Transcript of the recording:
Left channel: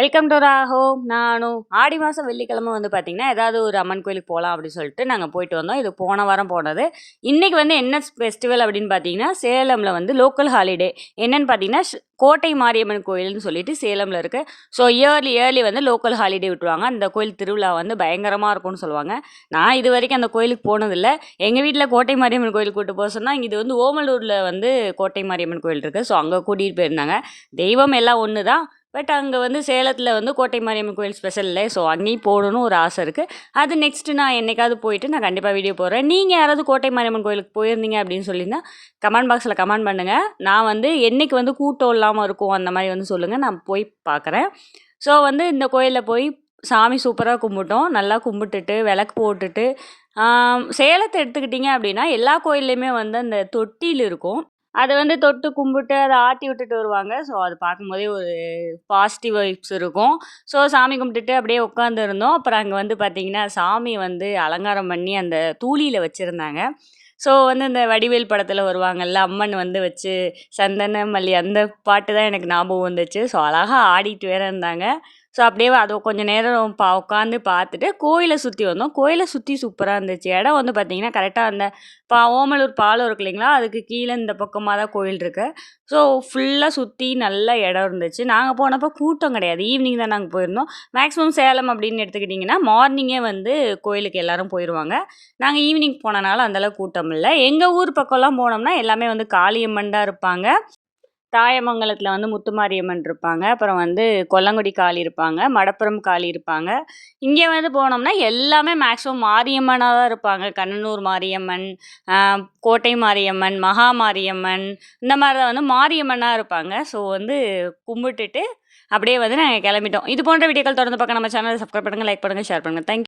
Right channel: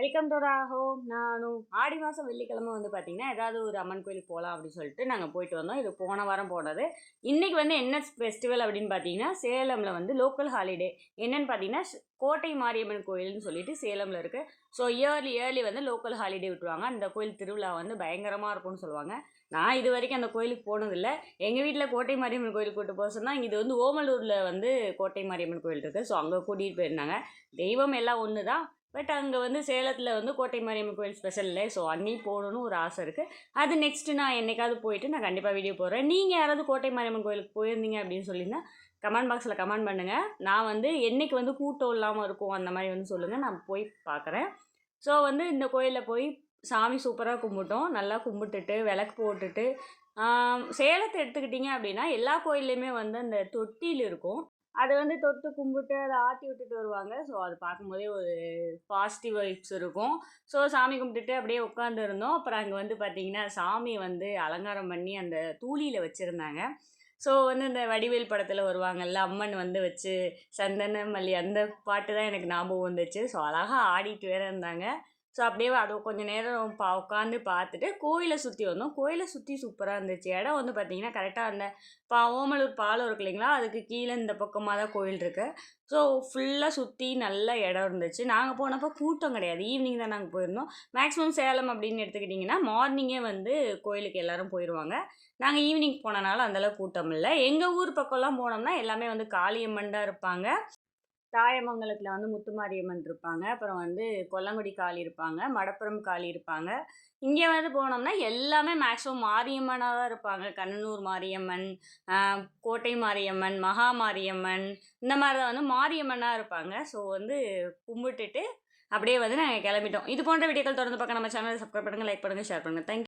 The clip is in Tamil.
வெல்கம் டு ராஹோ நானும் ஆடி மாதம் வெள்ளிக்கிழமை வந்து பார்த்திங்கன்னா ஏதாவது ஒரு அம்மன் கோயிலுக்கு போகலாம் அப்படின்னு சொல்லிட்டு நாங்கள் போயிட்டு வந்தோம். இது போன வாரம் போனது. இன்றைக்கி வந்து என்ன ஃபெஸ்டிவல் அப்படின்னு பார்த்தீங்கன்னா சேலமில் வந்து லோக்கல் ஹாலிடே என்னென்னு பார்த்தீங்கன்னா கோட்டை மாரியம்மன் கோயில்னு சொல்லிட்டு சேலமில் இருக்குது ஸோ இயர்லி இயர்லி வந்து லோக்கல் ஹாலிடே விட்டுருவாங்க. அந்த கோயில் திருவிழா வந்து பயங்கரமாக இருக்கும்னு சொல்லுவாங்க. நான் இது வரைக்கும் அந்த கோயிலுக்கு போனதில்லை. எங்கள் வீட்டில் கோட்டை மாரியம்மன் கோயிலுக்கு கூட்டு போக சொன்னால் இது வந்து ஓமலூரில் வந்து கோட்டை மாரியம்மன் கோயில் இருக்குது ஸோ அங்கே கூட்டிகிட்டு போயிருந்தாங்க. தெய்வம் எல்லாம் ஒன்று தான் பட் அங்கே வந்து சேலத்தில் வந்து கோட்டை மாரியம்மன் கோயில் ஸ்பெஷல் இல்லை. ஸோ அங்கேயும் போகணுன்னு ஒரு ஆசை இருக்குது அது நெக்ஸ்ட்டு நான் என்னைக்காவது போயிட்டு நான் கண்டிப்பாக வீடியோ போடுறேன். நீங்கள் யாராவது கோட்டை மாரியம்மன் கோயிலுக்கு போயிருந்தீங்க அப்படின்னு சொல்லியிருந்தால் கமெண்ட் பாக்ஸில் கமெண்ட் பண்ணுங்கள் நான் வந்து என்னைக்கு வந்து கூட்டம் இல்லாமல் இருக்கும் அந்த மாதிரி வந்து சொல்லுங்கள் நான் போய் பார்க்குறேன். ஸோ வந்து இந்த கோயிலில் போய் சாமி சூப்பராக கும்பிட்டோம். நல்லா கும்பிட்டுட்டு விளக்கு போட்டுட்டு சேலத்தை எடுத்துக்கிட்டிங்க அப்படின்னா எல்லா கோயில்லையுமே வந்து அந்த தொட்டில் இருக்கும். அதை வந்து தொட்டு கும்பிட்டு அதை ஆட்டி விட்டுட்டு வருவாங்க. ஸோ அது பார்க்கும்போதே ஒரு பாசிட்டிவ் வைப்ஸ் இருக்கும். ஸோ சாமி கும்பிட்டுட்டு அப்படியே உட்காந்துருந்தோம் அப்புறம் அங்கே வந்து பார்த்திங்கன்னா சாமி வந்து அலங்காரம் பண்ணி அந்த தூளியில் வச்சுருந்தாங்க. ஸோ வந்து இந்த வடிவேல் படத்தில் வருவாங்கல்ல அம்மன் வந்து வச்சு சந்தன மல்லி அந்த பாட்டு தான் எனக்கு ஞாபகம் வந்துச்சு. ஸோ அழகாக ஆடிட்டு வேற இருந்தாங்க. ஸோ அப்படியே அது கொஞ்சம் நேரம் பா உட்காந்து பார்த்துட்டு கோயிலை சுற்றி வந்தோம். கோயிலை சுற்றி சூப்பராக இருந்துச்சு. இடம் வந்து பார்த்திங்கன்னா கரெக்டாக அந்த பா ஓமலூர் பாலம் இருக்கு இல்லைங்களா? அதுக்கு கீழே இந்த பக்கமாக தான் கோயில் இருக்கு. ஸோ ஃபுல்லாக சுற்றி நல்ல இடம் இருந்துச்சு. நாங்கள் போனப்போ கூட்டம் கிடையாது. ஈவினிங் தான் நாங்கள் போயிருந்தோம். மேக்ஸிமம் சேலம் அப்படின்னு எடுத்துக்கிட்டிங்கன்னா மார்னிங்கே வந்து கோயிலுக்கு எல்லாரும் போயிடுவாங்க நாங்கள் ஈவினிங் போனனால அந்தளவு கூட்டம் இல்லை. எங்கள் ஊர் பக்கம்லாம் போனோம்னா எல்லாமே வந்து காளியம்மன் தான் இருப்பாங்க. தாயமங்கலத்தில் வந்து முத்துமாரியம்மன் இருப்பாங்க. அப்புறம் வந்து கொல்லங்குடி காளி இருப்பாங்க. மடப்புறம் காளி இருப்பாங்க. இங்கே வந்து போனோம்னா எல்லாமே மேக்ஸிமம் மாரியம்மனாக தான் இருப்பாங்க. கண்ணனூர் மாரியம்மன் கோட்டை மாரியம்மன் மகா மாரியம்மன் இந்த மாதிரி தான் வந்து மாரியம்மனாக இருப்பாங்க. ஸோ வந்து கும்பிட்டுட்டு அப்படியே வந்து நாங்கள் கிளம்பிட்டோம். இது போன்ற வீடியோக்கள் தொடர்ந்து பார்க்க நம்ம சேனலை சப்ஸ்கிரைப் பண்ணுங்கள் லைக் பண்ணுங்கள் ஷேர் பண்ணுங்கள் தேங்க்யூ